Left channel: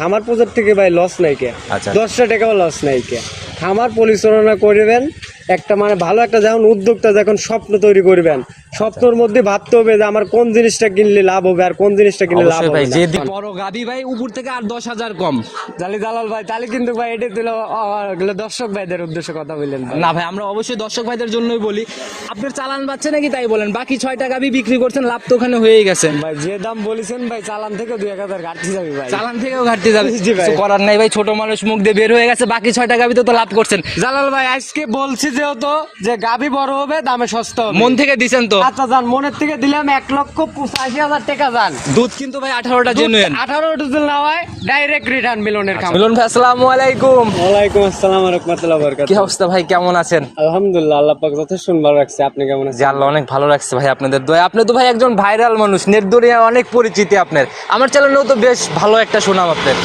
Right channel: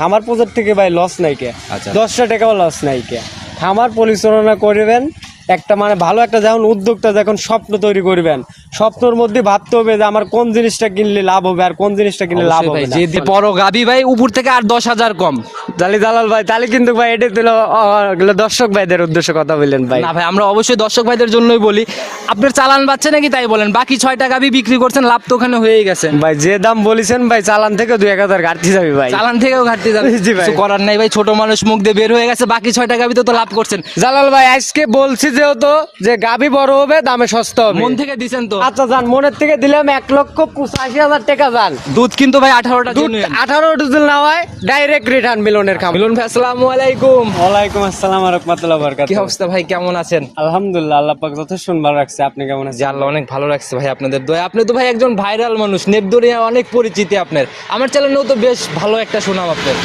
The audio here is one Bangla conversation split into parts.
খামার প্রজেক্ট থেকে ভাই লস নাই কে আচ্ছা। দশটা টাকাও লস নাই কে খামার পরিচালনা করবেন একটা মানে ভালো একটা যেমন উদ্যোক্তা যখন স্বপ্ন তৈরি করবেন। স্বপ্নের মধ্যে ভাবতে হবে যে আমার কোন জিনিসটা কিনলে লাভ হবে আর কোন জিনিসটা কিনলে লাভ হবে ভাই না। যে দি বড় গাবি ভাই উপর থেকে আর দশ হাজার কম। তাহলে দালাল ভাই তাহলে কিন্তু ভাই এটা দিল দর্শক ভাইদের উদ্দেশ্যে কথা বললেন ভাই। না ভাই আমরা অবশ্যই দর্শক ভাইদের জন্যই বলি আপনার চালান পাচ্ছে নাকি তাই বলেন? বাকি ছয়টা গাবি বিক্রি করছেন লাভ তো ওখানে হয়েই গেছে। ভাই যে দাম বলেছেন ভাই চালান থেকে দুই এক হাজার ঘাটতি যাবে ভাই। চালান থেকেও ঘাটতি যাবে। জি ভাই। কিছু করার নাই ভাই ছোট মানুষ মুখ দিয়ে বের হয়ে গেছে বাকি ছয়টা গাবি তো তো লাভ করছেন। জালাল ভাই আজকে বলছি যেহেতু যে গাবি বড় হবে দামে সস্তা হবে। মন থেকে দিছেন তো? আচ্ছা যান মনের থেকে দিলাম এক লক্ষ পঁচাশি হাজার টাকা যান। দুধ কিন্তু ভাই আঠারোটা জেনুয়েন আঠারো ডিজেল না হয় ডাইরেক্ট রিটার্ন মিলনের খাবার। মিলন ভাই আসসালামু আলাইকুম। ওয়ালাইকুম আসসালাম রহমতুল্লাহ বরকাত কি অবস্থা ভাই কেমন আছেন? আলহামদুলিল্লাহ আল্লাহ পাক যথেষ্ট ভালো রাখছে। আপনি কেমন আছেন? আল্লাহ অনেক ভালো রাখছে ভাই আপনাদের দয়া আপনি তো ভাই একজন ভাইরাল মানুষ নেট দরিয়া অনেক পরিচিতি আপনার। আমার চ্যানেলেও তো বেশ ভালো একটা সুনাম আপনার।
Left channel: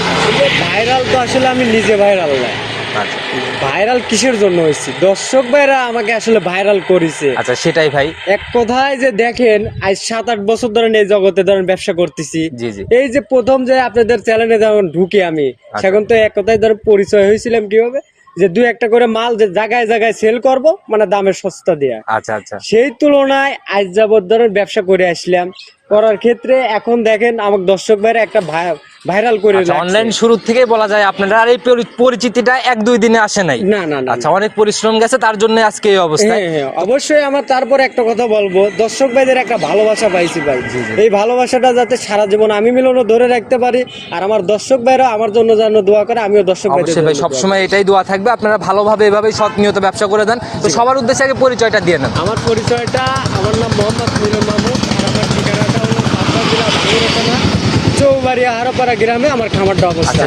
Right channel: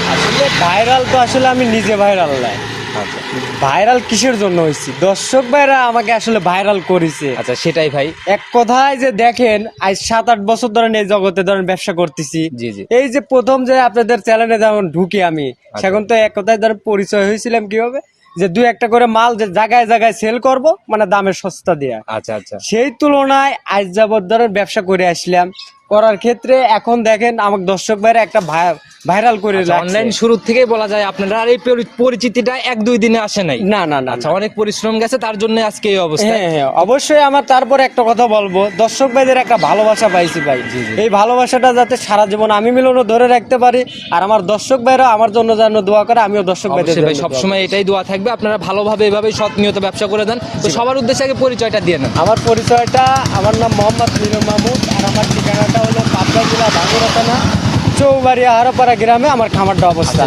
ভাইরাল তো আসলে আমি নিজে ভাইরাল না। আচ্ছা। ভাইরাল কিসের জন্য হয়েছি? দর্শক ভাইরা আমাকে আসলে ভাইরাল করেছে। আচ্ছা সেটাই ভাই। এক কথায় যে দেখেন আজ সাত আট বছর ধরে এই জগতে ধরেন ব্যবসা করতেছি। জি জি। এই যে প্রথম যে আপনাদের চ্যানেলে যেমন ঢুকি আমি আচ্ছা। সেখন তো এক কথায় ধরে পরিচয় হয়েছিলাম কীভাবে? যে দুই একটা করে মাল যে জায়গায় জায়গায় সেল করব মানে দামের সস্তা দেয়া। আচ্ছা আচ্ছা। সেই তুলনায় আজ যাবত ধরেন ব্যবসা করে আসলাম। করার ক্ষেত্রে এখন দেখেন আমার দর্শক ভাইরা একটা ভাই- ভাইরাল করে আচ্ছা অনলাইন শুরু থেকেই বলা যায় আপনারা আর এই পরি- পরিচিতিটা এক দুই দিনে আসে নাই। না না আচ্ছা অনেক পরিশ্রম গেছে তার জন্য আজকে এই অবস্থা হ্যাঁ হ্যাঁ অবশ্যই আমার তারপরে একটা কথা বলব। দর্শক ভাইদের একটা ভালোবাসা পাইছি ভাই। এই ভালোবাসাটা যাতে সারা জীবন আমি মিলনও ধরে রাখতে পারি আর আমার দর্শক ভাইরা আমার জন্য যেন দোয়া করে আমিও দর্শক অবশ্যই ভাই। সবসময় এটাই দোয়া থাকবে। আপনারা ভালোভাবে এভাবেই সৎ নিয়ত ব্যবসা করে দেন। তো সবার উদ্দেশ্যে আগে পরিচয়টা দিয়ে নেন। আমার পরিচয়টা আমার নাম মোহাম্মদ মিলন মাহমুদ আমার ঠিকানাটা হলো পাবনা জেলা চৌবাড়িয়া হারোপাড়া গ্রামে আমার খামারটা আচ্ছা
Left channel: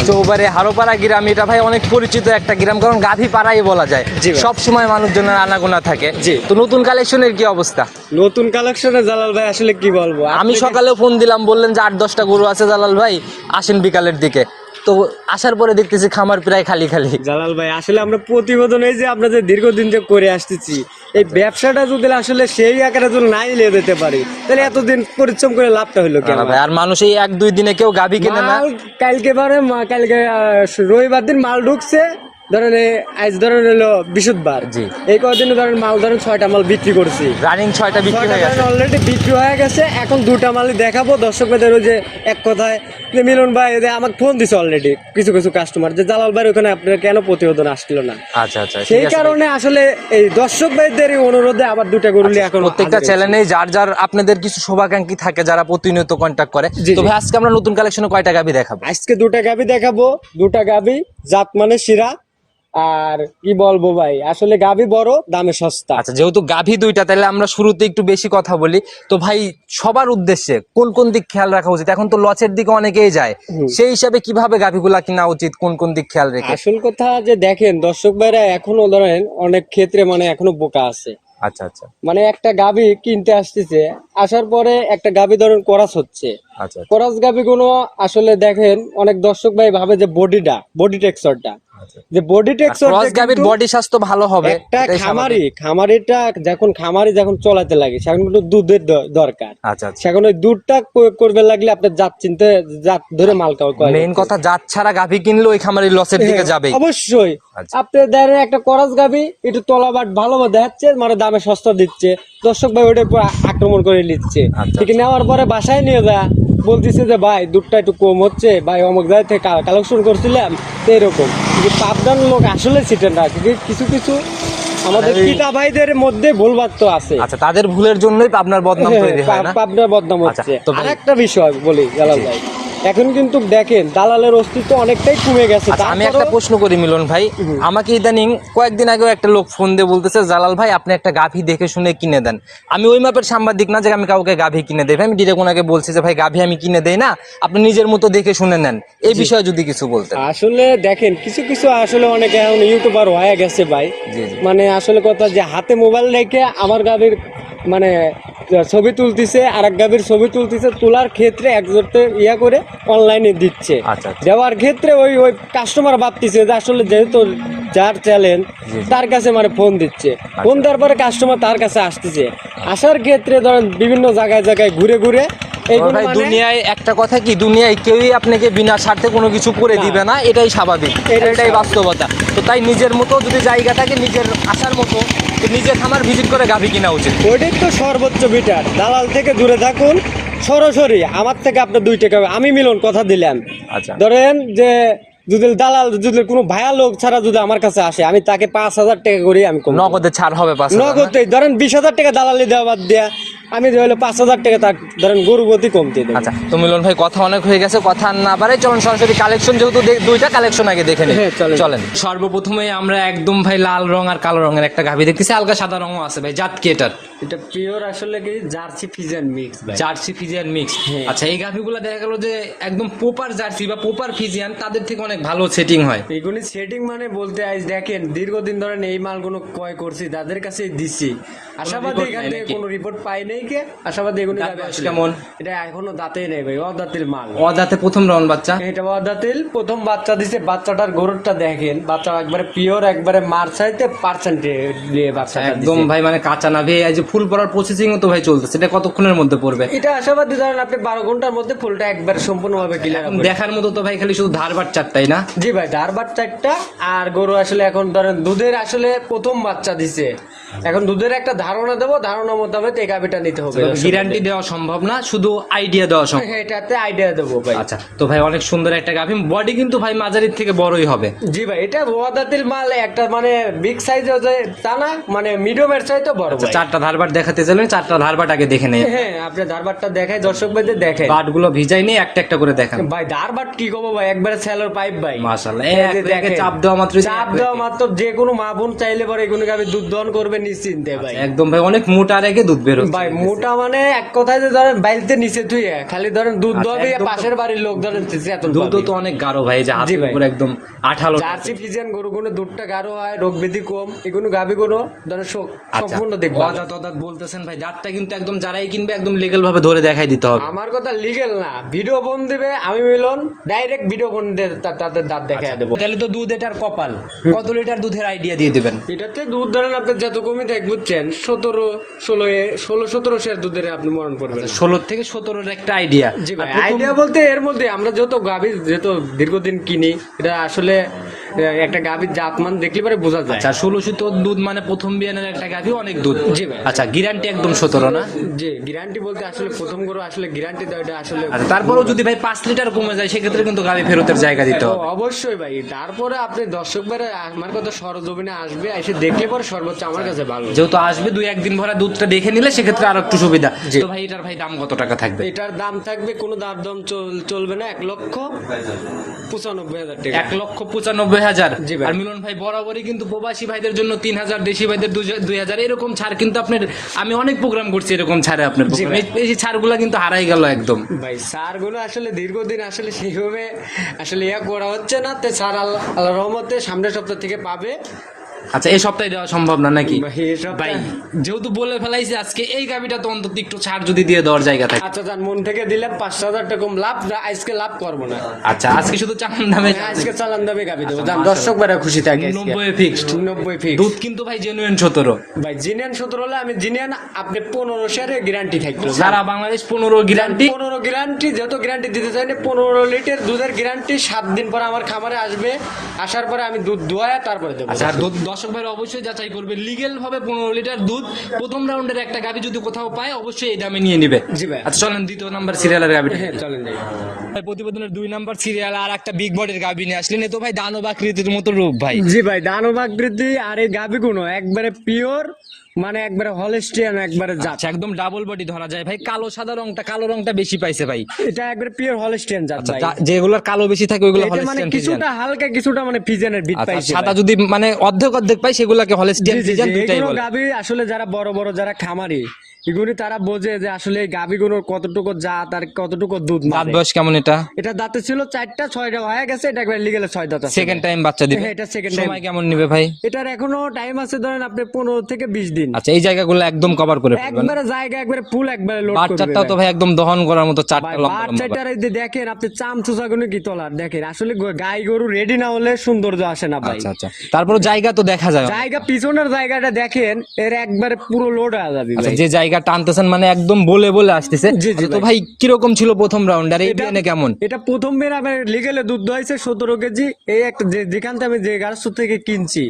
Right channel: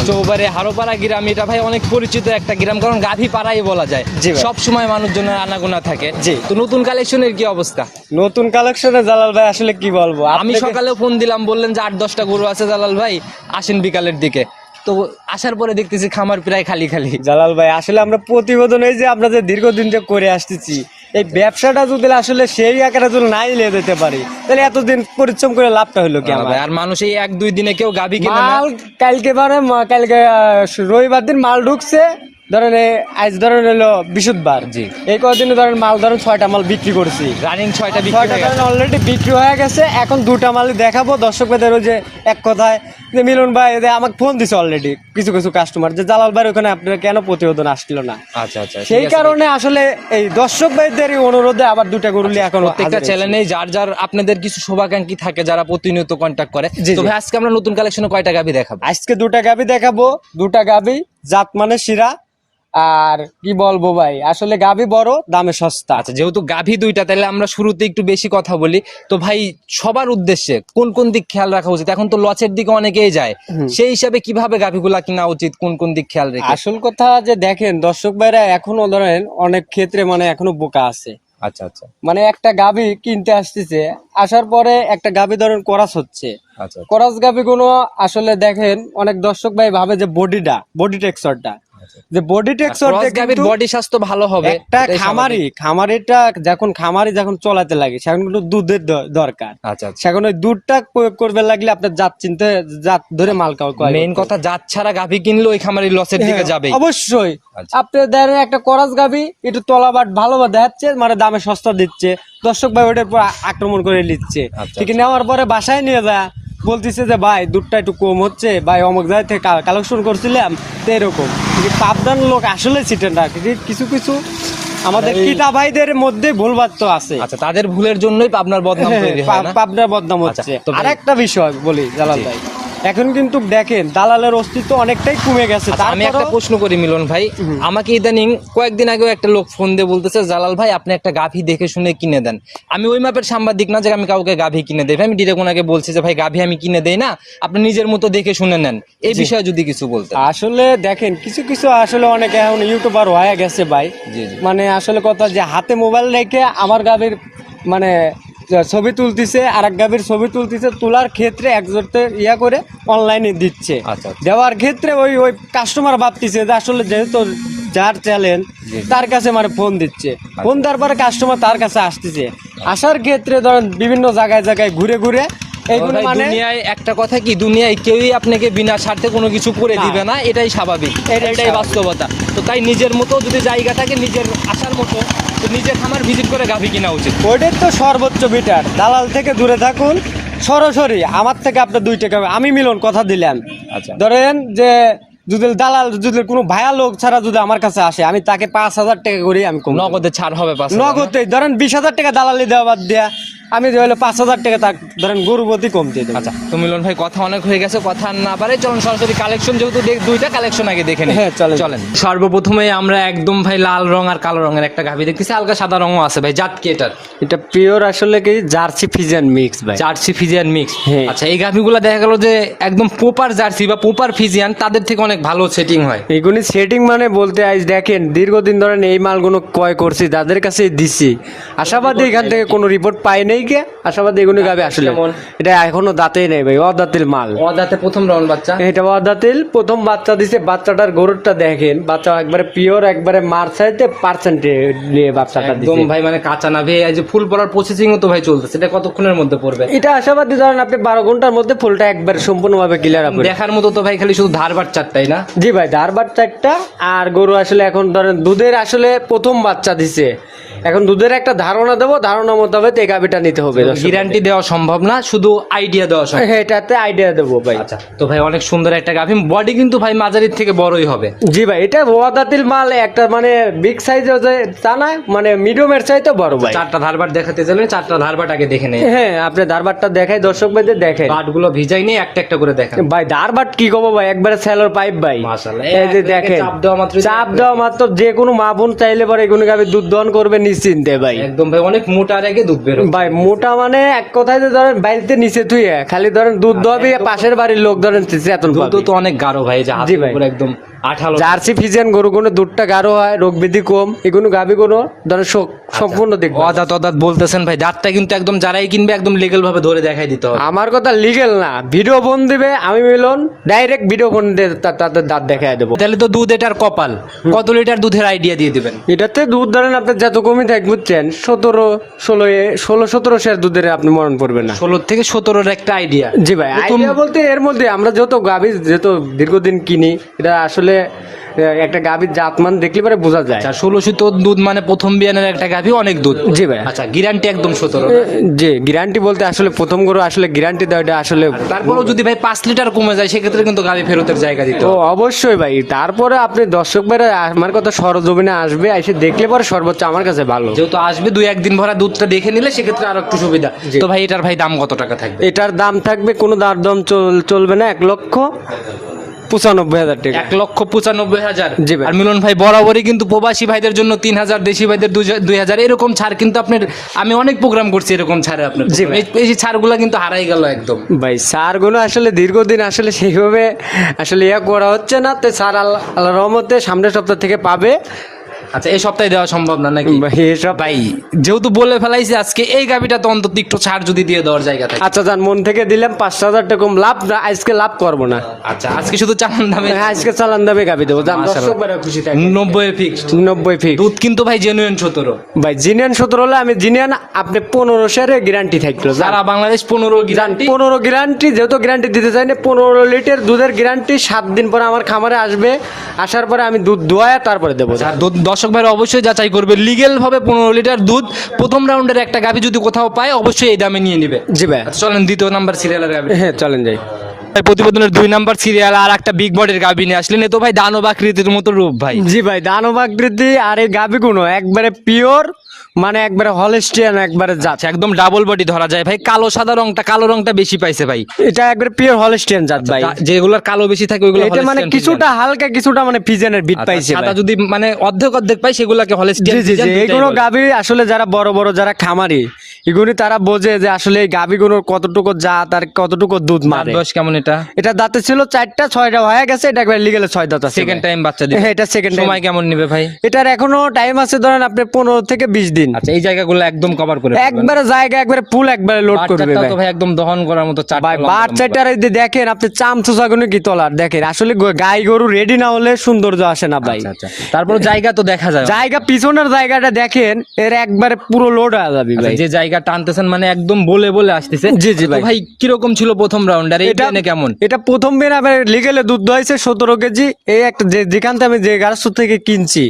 হারোপাড়া গ্রাম এটা ভাই অনেক পরিচিত একটা গ্রাম কারণ গাভী পাড়াই বলা যায়। সব সময় মানুষজনের আনাগোনা থাকে। তো নতুন কালেকশনের কি অবস্থা? নতুন কালেকশনে জালাল ভাই আসলে কি বলব? আমি সকালে ফোন দিলাম বললেন যে আট দশটা গরু আছে জালাল ভাই আসেন বিকালের দিকে। তো আসার পরে দেখতেছি খামার প্রায় খালি খালি। জালাল ভাই আসলে আমরা প্রতিবেদন এই যে আপনাদের যে দীর্ঘদিন যে করে আসতেছি এই ব্যবসাটা যদি আসলে সেই আকারে যদি নাই লে দিতে পারি তাহলে এতদিন পরিশ্রম করে লাভটা হলো কেন? ভাই আর মানুষ এই এক দুই দিনে কেউ গাভী কিনে না। কালকে বারে কালকে রবিবার দিন মাল ঢুকছে ধরেন আজ ধরেন হলো বিশুদ্ধবার জি। এই কদিন ধরেন মাল ধরেন ছয়টা মাল বিক্রি করছি। রানিং ছয়টা বিক্রি হয়ে গেছে। অলরেডি বিক্রি হয়ে গেছে এখন দুটা মালই দেখাবো। দর্শকদের ওই যে এক কথায় যে মিলন ভাই এদের আমাকে ফোন দিছে অলরেডি কিছু কিছু কাস্টমার যে জালাল ভাই ওখানে আপনার কেন প্রতিবেদন আসছিল না? আচ্ছা আচ্ছা সেই কারণে আসলে এই দর্শক ভাইদের এই অনুরোধে আবার দুটা গরু নিয়ে এখন প্রত্যেকটা। চ্যানেলে যার যার আপনাদের কিছু শুভাকাঙ্ক্ষী থাকে যারা প্রতিনিয়ত কন্ট্যাক্ট করে জি, তো ভাই আজকে আমরা নতুন কালেকশনে কয়টা গাবি দেখাবো? আজকে দুটা গাবি দেখাবো দুটা গাবি জাত মানে শিরা আর কি বলব ভাই? আসলে গাবি বড় দামে সস্তা। আচ্ছা যেহেতু গাভী দুইটা তাহলে আমরা শুরুতে একটু বেশি কথা বলি। তো ভাই সবার উদ্দেশ্যে কোন কোন দিক খেয়াল রাখা উচিত? এখন তো লচের দিকে অনেকেই যায়। সেই হিসাবে কীভাবে গাভীগুলা কিনা উচিত? কোন কোন দিক খেয়াল রেখে? আসল কথা যে দেখেন দর্শক ভাইরা এখনও ধরেন অনেক ক্ষেত্রে মানে এখনও বোকা আছে। আচ্ছা আচ্ছা। মানে একটা গাবি কিনতে আসতেছে আসার পরে একটা গাবি ধরেন করাস হচ্ছে। আচ্ছা কোরাস গাবি গুলো আসলে দেখেন অনেক দর্শক ভাই ভাবে যে বডিটা বডি টেক্সচারটা আচ্ছা যে বডি টেক্সচার ক্রস বডি স্বাস্থ্য ভালো হবে একটা খামারি খামারিটা যখন খামারি যখন চলাতে লাগে সেখন কিন্তু দুধের দরকার। আচ্ছা আচ্ছা। সেখন ওই দুধটা প্রয়োগ করবে লাগলে আপনার জাত চিনতে জাত ধরে মাল কয় মেইন কথা জাত ছাড়া গাভী কিনলে ওই খামারি লসের দিকে যাবেই। অবশ্যই। আচ্ছা। আপনি দেখেন একটা করাস গাবি একটু তলাবাট ভালো দেখাচ্ছে মানে দামে সস্তা দিচ্ছে। দর্শক ভাই ওটার উপর আক্রমণ করে নিচ্ছে। আচ্ছা, ঠিক নেওয়ার পরে বাসায় নিয়ে যা বলতেছে যে ভাই দুধটা একটু কম হচ্ছে। ভাই অমুক জায়গা থেকে কালেকশন করছিলাম তো এরকম। পাবনার লোক আসলে ছিটেন না। কিছু কিছু আমাদের পিতা ভাইদের মধ্যে ভুল তো আছে। আচ্ছা তাদের ভুলের জন্যই পাবনার বদনাম তৈরি হয় না? পাবনার বদনাম আচ্ছা, হচ্ছে। আরেকটা একটা বিষয় বলি জালাল ভাই। এখন কিন্তু দেখেন দালালের অস্তিত্ব অনেকটাই কমে গেছে। আচ্ছা আমি একটা প্রশ্ন করি মিলন ভাই। আমাকে ইদানিং কয়েকদিন আগেও একটা লোক ফোন দিয়ে বলতেছে জালাল ভাই আপনি একটা গাভী দেখে শুনে কিনে দেন। আমি ওই মাপের সাংবাদিক না যে আমি কাউকে গাভী কিনে দেই। আমি ডিরেক্ট ওনাকে বলছি যে ভাই গাভী আমি কিনে দেই না আপনি নিজের মতো দেখে শুনে নেন। এই বিষয়ে যদি কিছু বলতেন। আসলে দেখেন কিছু কিছু আসলে অনেকে এখন ইউটিউবার হয়ে গেছে ভাই। মানে আসলে কথা যে হাতে মোবাইল রেখে আমার গাভীর মানে ছবি তুলতেছে আর এক গাভীর ছবি তুলতেছে তোলার ক্ষেত্রে একজোটে ইয়া করে অনলাইনে দিচ্ছে। আচ্ছা আচ্ছা। দেওয়ার ক্ষেত্রে ওই ওই কাস্টমার ভাবতেছে যে আসলে যেহেতু যার চ্যালেঞ্জ। তার কাছে মানে ফোন দিচ্ছে। ফোন দেওয়ার পরে কাস্টমার তার কাছে আসতেছে। আসার ক্ষেত্রে ধরেন বিভিন্ন জায়গায় জায়গায় ঘুরে ঘুরে ভাই মানে- দুনিয়ায় একটা কথা কি? দুনিয়ায় কেউই আপনাকে বিনা স্বার্থে কোনো কিছু করে দিবে না এটাই স্বাভাবিক। এটাই বাস্তবতা। তো তাই নিজের মতো যদি জায়গা থাকে নিজের আসার মতো তো নিজের খামার ভিজিট করে গাভী কিনা উচিত। ওইটার তো সর্বোচ্চ বিটার দালাল থেকে দূরে থাকুন। সরাসরি আমার থেকে আপনার দুই টাকা। আমি মিলন কথা দিলাম। আচ্ছা। ধরেন যে যদি দালাল যদি কোনো ভায়া লোক ছাড়া যদি আমার কাছে আসে আমি তাকে পাঁচ হাজার টাকা করে আমি নগদে ছাড় হবে নগদে ধরেন বিশ হাজার টাকা দালালি দেওয়া বাদ দিয়া আমি হলো পাঁচ হাজার টাকা তার ধরেন গরুবতী কমতে দেবো। আচ্ছা তো মিলন ভাই কথা অনেক হয়ে গেছে কথা না পারে চলুন সরাসরি কালেকশন যেহেতু দুইটা কালেকশন আগে দেখে নিই। হ্যাঁ, চলেন। সর্বপ্রথমে আমরা একদম ভাই লাল রং আর কালো রঙের একটা গাভী দেখতেছি হালকা সাদা রঙও আছে ভাই জাত কি এটার? এটা পিওর আসলে কি জার্সি ফিজিয়ান মিক্স ভাই। জার্সি ফিজিয়ান মিক্স হ্যাঁ। আচ্ছা এই গাভীগুলো দেখা গেল যে একদম পোপার জার্সি বা পোপার ফিজিয়ান তাদের থেকে অনেক ভালো সেটিং হয়। এইগুলি সেটিং মানে বলতে আজ দেখেন দীর্ঘদিন ধরেন এই মালগুলো ক্রয় করছি যাদের কাছে দিছি। আশাবাদী এখান থেকে কোনো রিপোর্ট পাই নাই আশাবাদী এগুলো গাবে আসলে। কেমন? এটা এখনও দাঁতেই নেই ভাই অদাতিল মাল। অদাতে প্রথম রাউন্ড বাচ্চা? এটা অদাতিল প্রথম বাচ্চা দিছে বাচ্চাটার গরুরটা দেখেন বাচ্চা একবারে পিওর একবারে মার চাইতে পার্সেন্টে নিয়ে বাচ্চাটা একদম ভাই মানে কাঁচা না। ভাই যে ফুল পড়ার প্রসেসিং তো ভাই চলতেছে এটা কতক্ষণের মধ্যে পড়বে? এটা আশাবাদী ধরেন আপনি বারো ঘণ্টার মধ্যে ফুলটা একবার সম্পূর্ণভাবে ক্লিয়ার হবে দেখার মতো তো ভাই খালি শুধু ধার ধারবার চারটাই না? জি ভাই ধার ধারবার চারটা আর গরু আসলে এখন ধরেন দুধের আসলে প্রথম বাচ্চা দিছে। এখন দুধের একটা ধারণা দেবো ধারণা মোতাবেক এই গাভিটা নিতে হবে গ্যারান্টি দেওয়া সম্ভব না শুধু আইডিয়া দেওয়া সম্ভব। হ্যাঁ, এটাতে আইডিয়া দেবো ভাই। আচ্ছা তো ভাই অনেক সুন্দর একটা গাভী বডি কিন্তু ভাই মাঝারির থেকে বড়ই হবে। জি ভাই এটা ওয়াদাতিল মাল একটা মানে বিগ সাইজ তা না মানে মিডিয়ামের চাইতে বড় ভাই। চারটা ধারবার দেখাতে চাইলে চারটা ধারবার আগে দেখে নেই। হ্যাঁ আপনি ধারবারটা দেখাই দর্শক ভাইদের দেখেন বাটগুলো ভিজাই নিয়ে একটা একটা করে দেখান। ভাই ধারবাট কি কব ভাই? একবারে স্যালোর পাইপ ভাই। মাশাআল্লাহ, এই যে দেখেন। চাপ দেওয়া মাত্রই চাপ দেওয়া মাত্র যে কোনো মা বোন চাইলে পরে এগুলো গাভি দুধ দহন করবে নিশ্চিন্তে ভাই। একদম ভাই অনেক মোটা রেখে দুধ বের ভাই মোটা মানে এক কথায় যে ধরেন বাড়িতে নিচে তুই খালি ধরেন দুধ আচ্ছা, দবে পাশের বাড়ির লোক ধরেন চেতন দুধ তো অনেক গাঢ় ভাই যে একদম আঠালো জার্সি ফিজিয়ান গরু কোনো দুধটা গাঢ় হয় রোগ কম এগুলো গাভি কোনো ধরেন আচ্ছা। সম্পূর্ণ দেখবে অদাত অদাত বলতেছেন ভাই দাঁতটা কিন্তু একদম যারাই কিনবে একদম লিগেল ভাবে ধরে দেখাই দিতে হবে। আমার কথা লিগেল না ভিডিও ফোন দিবে আমি মিলন ডাইরেক্ট ভিডিও ফোন দিয়ে তাদের দাঁত দেখায় দেবো। তাহলে তো দুধ এটার কপাল কত লিটার দুধের আইডিয়া দিয়ে দিবেন? এটাতে দুধ ধরেন আপনার যত কমই থাক বুঝছেন সতেরো ষোলো এ ষোলো সতেরো শেষ দুধের আপনি মরণ পড়বেন না। ষোলো থেকে সতেরোর একটা আইডিয়া জি ভাই আইডিয়া বলতে এর মধ্যে আমরা যত গাভী যত দীর্ঘদিন কিনি এটা আসলে একটা গাভীর জাতমান দেখলে পরে বোঝা যায়। আচ্ছা ষোলোশো তো দুধ মানে প্রথম বিয়ানের একটা গাভী অনেক দুধ। জি ভাই। আচ্ছা গ্যারান্টি একদম সতেরো না? যে গ্যারান্টি বলতে আসলে প্রথম গরু আসলে গ্যারান্টি দেওয়া এটা আসলে তারপরেও যদি ভাই পাঁচ লিটার কমে যায় সেক্ষেত্রে কিন্তু গাড়ি ফেরতের জায়গা দিতে অবশ্যই ভাই। তারপরে আপনি দর্শক ভাইরা আমার কথা সরজমিনে আসবে এসে দেখলে পরে সর্বোচ্চ আমার কাছে ভালো। যেহেতু আসবে দুই একদিন ভরা দুধটা দেখে নিলে সেক্ষেত্রে আরও একটু সুবিধা। তো ভাই এটার ভাই দাম কত টাকা থাকবে? এটার দাম থাকবে কোনো দার দাম চল- চলবে না এক লক্ষ। পঁচানব্বই হাজার টাকা। এক লক্ষ পঁচানব্বই হাজার। জি ভাই। আর মিলন ভাই বরাবরই কিন্তু প্রবাসী ভাইদের জন্য তিন হাজার দেশি ভাইদের দুই- হাজার এরকম ছাড় কিন্তু আপনার আমি অনেক প্রোগ্রাম করছি এরকম ছাড়ে আপনার জি ভাই। এই- ছাড়গুলো কিন্তু হারাই গেল একদম। ভাই সারগুলো আসলে দীর্ঘদিন আসলে সেইভাবে আসলে ইয়া করা হচ্ছে না তো আল্লাহ আল্লাহ রহমতে সামনের সপ্তাহ থেকে পাবে। আচ্ছা এই সপ্তাহে দেওয়া সম্ভব না নাকি? ভাই, যেহেতু বলে ফেলাইছি আজকে এই গাবিটা তো অন্তত একটু ছাড় যদি দিয়ে দেওয়ার জায়গা থাকে। আচ্ছা যান মন থেকে দিলাম পাঁচশো হাজার টাকা কম লাভ না আজকে লাভ করব না। আচ্ছা আজকে শুধু চামন দামে হ্যাঁ, আজকে চালান দামে গাবি দেবো যান দর্শক বেড়া খুশি থাকে নব্বই ফিক্সড নব্বই ফিক্স দুধ কিন্তু ভাই জেনুইন সতেরো। ভাই জিনিয়ান সতেরো হলে আমি জিনিয়ান আপনি পনেরো শেয়ারে গ্যারান্টি থাকতো সারা বাংলাদেশ পনেরো গ্যারান্টি পনেরো গ্যারান্টি যেহেতু গ্যারান্টি দিতে চাই না পনেরো লিটার দুধের গ্যারান্টি সাত দিন পরে আমার খামারে আসবে আসার পরে আমি দুধ দোয়ায় তারপরে দেবো। আর দুধ দর্শক ভাইরা অবশ্যই যাচাই করবে। লিগেল ভাবে পনেরো লিটার দুধ প্রথম রাউন্ডের একটা গাভি যদি কোথাও পায় অবশ্যই এই দামে নিয়ে নিবে। জি ভাই। আচ্ছা চলেন দ্বিতীয় নাম্বার সিরিয়ালের গাভি হ্যাঁ চলেন যাই। ভাই প্রতিবেদনের দুই নাম্বার সিরিয়াল আর একটা বিগ বডির গাভি নিয়ে আসলেন। এ তো ভাই দানবাকৃতির মতো রূপ ভাই। জি ভাই দানবাকৃতি আর এই গাবি গুলো একবারে পিওর মানে একবারে হলেস্টিয়ান একবারে জাত। আচ্ছা একদম ডাবল বডি ধরা যায়। ভাই কালো সাদা রংটা কালো রংটা বেশি পাইছে ভাই। এটা একবারে পিওর হলেস্টিয়ান জাত ভাই। যা- যেগুলোর কালো বেশি থাকে ওগুলো এটা মানে Holstein কিছুটা হালকা কিছুটা মানে পিজেনের বিট Friesian। পাইছে আচ্ছা, সাদা ভাই। যদি মানে অর্ধেক অর্ধেক পাই সেগুলোকে হলেস্টিয়ান জি জি জি এগুলো আসলে যারা বড় বড় যারা খামারি এগুলি তারা বোঝে যে আসলে এই গাবিগুলোর কতটুকু জাত আর কতটুকু দুধ দাঁত মারে। বয়স কেমন এটা? এটা দাঁতে ছিল চারটা ছয়টা হয়ে গেছে এটা একবার লিগেলে ছয় দাঁত আছে সেকেন্ড টাইম বাচ্চা দিবে। হ্যাঁ এটা সেকেন্ড সময় কেমন নেবে ভাই? এটার এখনও টাইম আছে ধরেন আপনি পনেরো থেকে বিশ দিন। দিন আচ্ছা এই জায়গাগুলো একদম কভার করে একবারে জায়গা একবারে ফুল একবারে লোড করবে বাচ্চাটাও তো ভাই। একদম দহন করার মতো চারটা লম্বা বাচ্চাটার এই দেখেন আপনি চামচু চাগুনে কি তলার? দেখেন আসলে গাই গরু রেডি না হলে সৌন্দর্য আসে না ভাই। আচ্ছা আচ্ছা। তারপর জায়গা তো দেখা যায়। জায়গা পিছনের জায়গাটা দেখেন এর একবারে পুরো লোড হয়ে যাবে আচ্ছা ভাই। যে জায়গা টানতেছেন মানে একদম বলে বলে আসতেছে। জি, জি ভাই। কীরকম ছিল প্রথম রাউন্ড আর বিয়ানে কেমন? এটা প্রথম দিন আবার লিগেলে দুধ হয়েছে সতেরো কেজি। এই একটা যে যেখান থেকে আমি যে গারস্থ থেকে কিনছি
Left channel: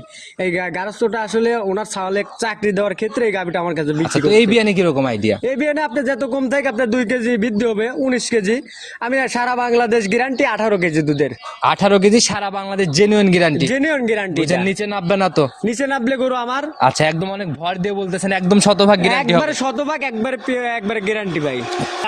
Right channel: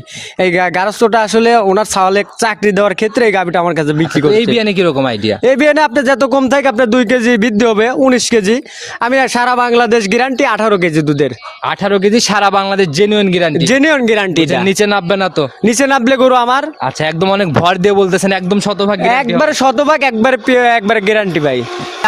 এই গারস্থটা আসলে ওনার ছাওয়ালে চাকরি দেওয়ার ক্ষেত্রে এই গাভিটা আমার কাছে বিক্রি তো এই বিয়ানে কীরকম আইডিয়া এই বিয়ানে আপনি যত কম থাকে আপনার দুই কেজি বৃদ্ধি হবে উনিশ কেজি। আমি সারা বাংলাদেশ গ্যারান্টি আঠারো কেজি দুধের। আঠারো কেজি সারা Bangladesh genuine guarantee genuine guarantee নিচে নামবে না তো। নিচে নামলে গরু আমার। আচ্ছা একদম অনেক ভর দিয়ে বলতেছেন একদম শতভাগ গ্যারান্টি একবারে শতভাগ একবার একবার একবারে গ্যারান্টি ভাই।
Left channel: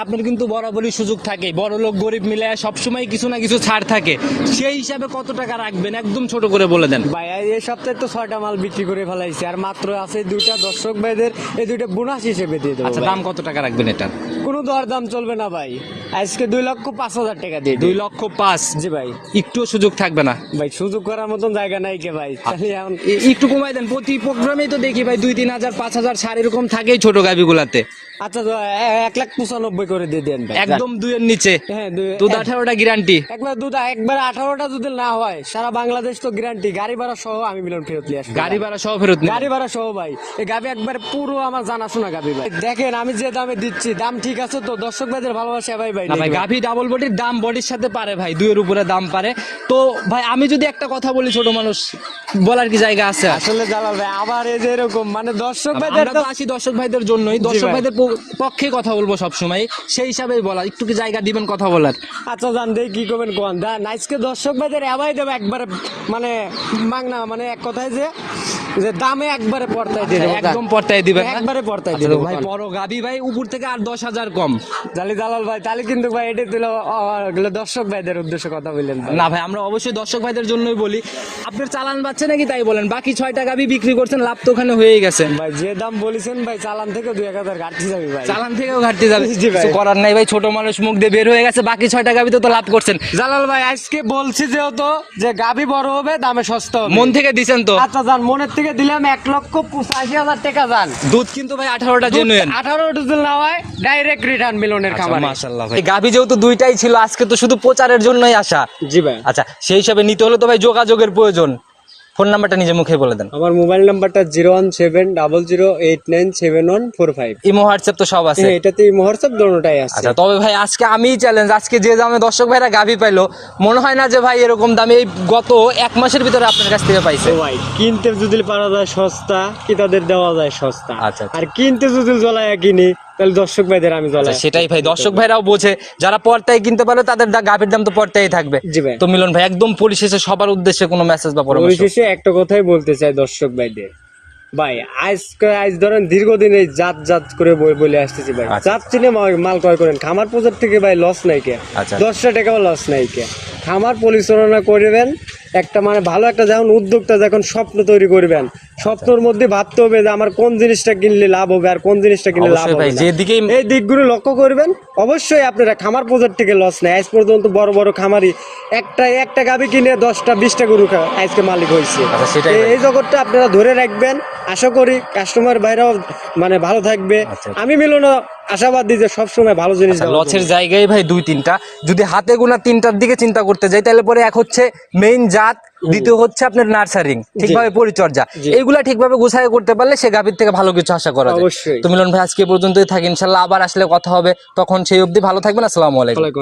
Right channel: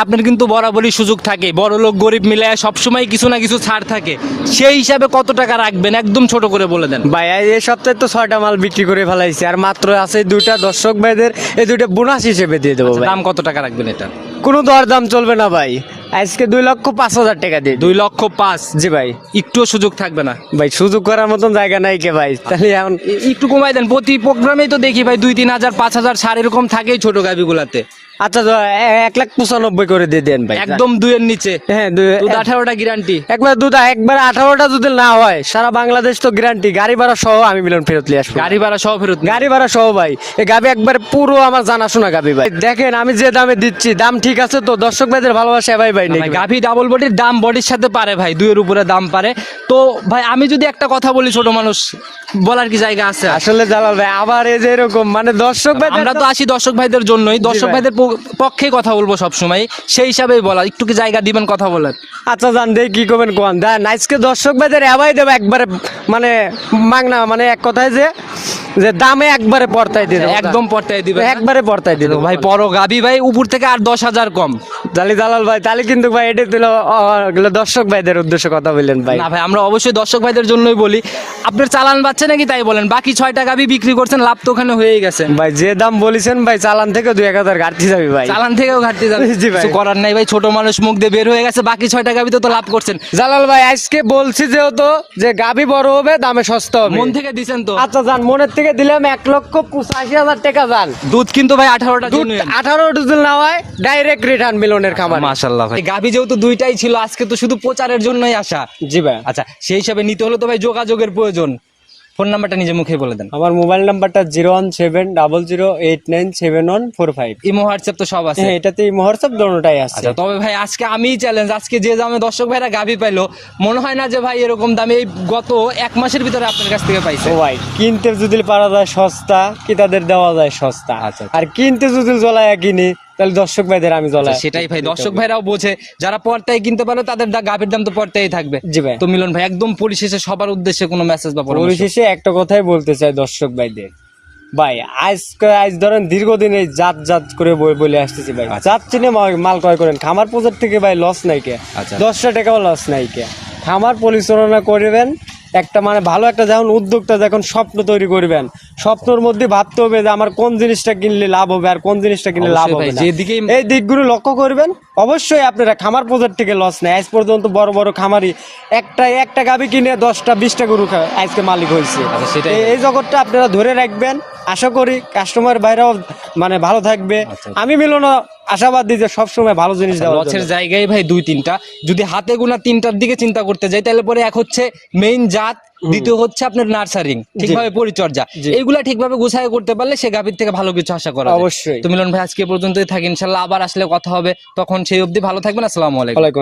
আপনার কিন্তু বরাবরই সুযোগ থাকে। বড় লোক গরিব মিলে সবসময় কিছু না কিছু ছাড় থাকে। সেই হিসাবে কত টাকা রাখবেন? একদম ছোট করে বলে দেন। ভাই এই সপ্তাহে তো ছয়টা মাল বিক্রি করে ফেলাইছে। আর মাত্র আছে দুইটা দর্শক ভাইদের এই দুইটা বোনাস হিসেবে দিয়ে দেবো আচ্ছা, দাম কত টাকা রাখবেন এটা? কোনো দর দাম চলবে না ভাই। আজকে দুই লক্ষ পাঁচ হাজার টাকা দিয়ে দুই লক্ষ পাঁচ। জি ভাই। একটু সুযোগ থাকবে না। ভাই সুযোগ করার মতন জায়গা নাই কে ভাই। তাহলে এখন একটু কমাই দেন। প্রতি প্রোগ্রামেই তো দেখি ভাই দুই তিন হাজার পাঁচ হাজার সার এরকম থাকেই ছোট গাভিগুলাতে। আচ্ছা এক লাখ পঁচানব্বই করে দিয়ে দেন ভাই। একদম দুইয়ের নিচে। হ্যাঁ দুধ আঠারোটা গ্যারান্টি একবার দুধ একবার আঠারোটা যদি না হয় সারা বাংলাদেশ তো গ্যারান্টি গাড়ি ভাড়া সহ আমি মিলন ফেরত নিয়ে আসব। গাড়ি ভাড়া সহ ফেরত গাড়ি ভাড়া সহ ভাই। এই গাবি একবার পুরো আমার জানাশোনা গাবি ভাই। দেখেন আমি যে দামে দিচ্ছি দাম ঠিক আছে তো? দর্শক ভাইদের ভালোবাসা ভাই ভাই গাভি ডাবল বডির দাম বডির সাথে পারে ভাই দুইয়ের উপরে দাম পারে। তো ভাই আমি যদি একটা কথা বলি ছোট মানুষ বলার কি জায়গা আছে? আসলে জালাল ভাই আবার এই যে এরকম মানে দর্শক ভাইদের আমরা তো আসি দর্শক ভাইদের জন্যই। দর্শক ভাইদের প- পক্ষেই কথা বলব সবসময়। সেই হিসাবেই বলা একটু কি জায়গা দিবেন কথা বলার? আচ্ছা জান দেই কি করবেন কোন। দেন, আজকে দর্শক ভাইদের এবাই দেবে একবারে মানে মাগনা মানে এক কথায় যে যে দামে একবারে পড়তাই দিয়ে দেবো একদম পর্তায় দিবেন না? একবারে পড়তাই দিয়ে আচ্ছা, দেবো ভাই পরো গাবি ভাই উপর থেকে আর দশ হাজার কম। জালি জালাল ভাই তাহলে কিন্তু ভাই এটা দিল দর্শক ভাইদের উদ্দেশ্যে কথা বললেন ভাই। না ভাই আমরা অবশ্যই দর্শক ভাইদের জন্যই বলি আপনার চালান বাচ্ছে নাকি তাই বলেন? বাকি ছয়টা গাবি বিক্রি করছেন লাভ তো ওখানে হয়েই গেছে। ভাই যে দাম বলেছেন ভাই চালান থেকে দুই এক হাজার ঘাটতি যাবে ভাই। চালান থেকেও ঘাটতি যাবে। জি ভাই। কিছু করার নাই ভাই ছোট মানুষ মুখ দিয়ে বের হয়ে গেছে বাকি ছয়টা গাবি তো লাভ করছেন। জালাল ভাই আজকে বলছি যেহেতু যে গাভি বড় হবে দামে সস্তা হবে। মন থেকে দিছেন তো। আচ্ছা যান মনের থেকে দিলাম এক লক্ষ পঁচাশি হাজার টাকা যান দুধ কিন্তু ভাই আঠারোটা জেনুইন আঠারো ডুজেল না হয় ডাইরেক্ট রিটার্ন মিলনের খাবার মাশাল্লাহ ভাই। গাভি যেহেতু দুইটাই ছিল আজকে তো শুধু প্রচারের জন্যই আসা। জি ভাই। আচ্ছা সেই হিসাবে নিতে হলে তো ভাই যোগাযোগের প্রয়োজন। ফোন নাম্বারটা নিজে মুখে বলে দেন। আমার মোবাইল নাম্বারটা zero one seven double zero eight nine seven one four five. Imo WhatsApp তো সব আছে। এটাতে হোয়াটসঅ্যাপ দোনোটাই আছে। আচ্ছা তবে ভাই আজকে আমিই চ্যালেঞ্জ আজকে যে দামে দর্শক ভাইরা গাভি পাইলো মনে হয় না যে ভাই এরকম দামে এই গত এক মাসের ভিতরে আপনার কাছ থেকে পাইছে। ভাই কিনতে যদি পারা যায় সস্তা কি তাদের দেওয়া যায় সস্তা? আচ্ছা, আচ্ছা। আর কিনতে যদি জ্বলায় কিনি তাহলে দর্শক ভাইদের আমি জ্বলাই আচ্ছা, সেটাই ভাই দর্শক ভাইরাও বোঝে যারা পর্তায় কিনতে পারে তাদের গাভির দাম তো পর্তায় থাকবে। তো মিলন ভাই একদম পরিশেষে সবার উদ্দেশ্যে কোনো মেসেজ বা পরামর্শ? পরিশেষে একটা কথাই বলতে চাই দর্শক ভাইদের। ভাই আজ আজ ধরেন দীর্ঘদিন এই জাত জাত করে বই- বলে আসতেছি ভাই। আচ্ছা। জাত চিনে মাল ক্রয় করেন। খামার পূজার থেকে ভাই লস নাই কে। আচ্ছা। দশটা টাকাও লস নাই কে। খামার পরিচালনা করবেন একটা মানে ভালো একটা যখন উদ্যোক্তা যখন স্বপ্ন তৈরি করবেন। স্বপ্নের মধ্যে ভাবতে হবে যে আমার কোন জিনিসটা কিনলে লাভ হবে আর কোন জিনিসটা কিনলে লাভ হবে না। এই দিকগুলো লক্ষ্য করবেন অবশ্যই আপনারা খামার পূজার থেকে লস নেই আজ পর্যন্ত বড় বড় খামারি একটা একটা গাবি কিনে দশটা বিশটা গরু আজকে মালিক হয়েছে। আচ্ছা, এই- জগৎটা আপনারা ধরে রাখবেন। আশা করি কাস্টমার বাইরেও মানে ভালো থাকবে। আচ্ছা। আমি মিলনও আশাবাদী যে সবসময় ভালো জিনিস লসের জায়গায় ভাই দুই তিনটা। যদি হাতে গোনা তিনটার দিকে চিন্তা করতে যাই তাহলে পরে এক হচ্ছে মেইন জাত দ্বিতীয় হচ্ছে আপনার নার্সারিং ঠিকভাবে পরিচর্যা। এইগুলা ঠিকভাবে গুছায় করতে পারলে সে গাভীর থেকে ভালো কিছু আশা করা যায়। তো মিলন ভাই আজকে পর্যন্ত পর্যন্তই থাকি। ইনশাল্লাহ আবার আসলে কথা হবে। তখন সেই অবধি ভালো থাকবেন। আসসালামু আলাইকুম।